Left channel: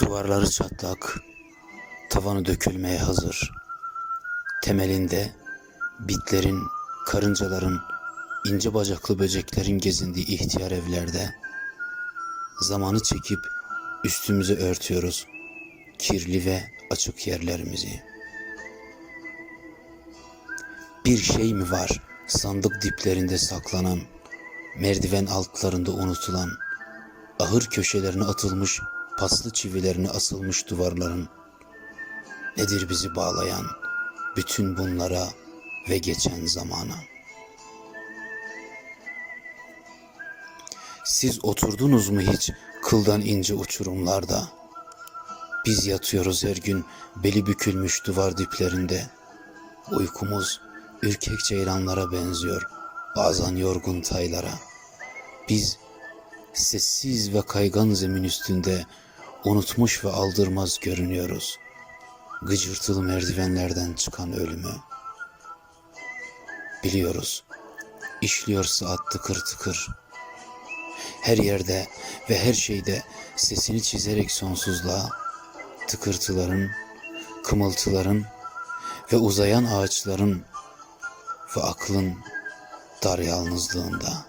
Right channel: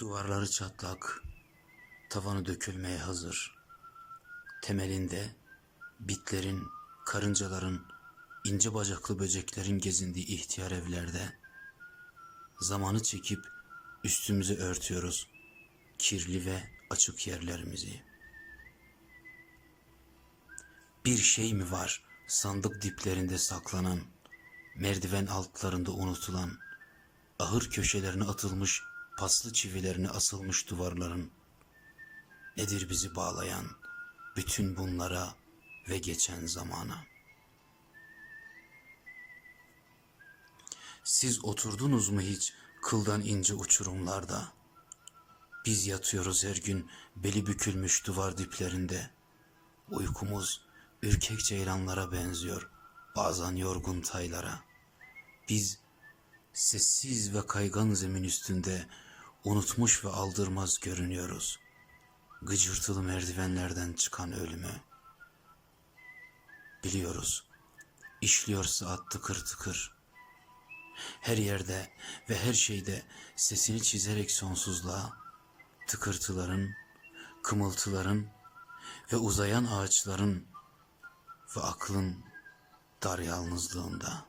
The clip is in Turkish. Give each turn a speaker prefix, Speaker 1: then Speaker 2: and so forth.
Speaker 1: Duvarları çatlak, tavanı dökülmeye hazır. Temelinde bitlerin, karıncaların, ince bacaklı böceklerin gezindiği ihtiyar evlerde zamanı çekip üstümüze örtüyoruz kirli ve açık yerlerimizi. Bir şey mi var sandık diplerinde saklanan, merdiven altlarında unutulan, ahır köşelerine atılmış, paslı çivilerine asılmış duvarların? Nedir bizi bağlayan bütün bunlara ve geçen zamana? Siz oturdunuz mu hiç kıldan ince uçurumlarda? Biz yatıyoruz her gün beli bükülmüş duvar diplerinde. Uykumuz ürkek ceylanlara benziyor, bazen yorgun taylara. Biz sessiz ve kaygan zemin üstünde unutmuş ve aldırmaz görünüyoruz. Gıcırtılı merdivenlerden çıkan ölümü. Biliyoruz, işliyor saat tıkır tıkır. Her yerde ve her şeyde sesini çizerek sonsuzluğa, tıkırtıların, kımıltıların ve uzayan ağaçların ve aklın dar yalnızlığında.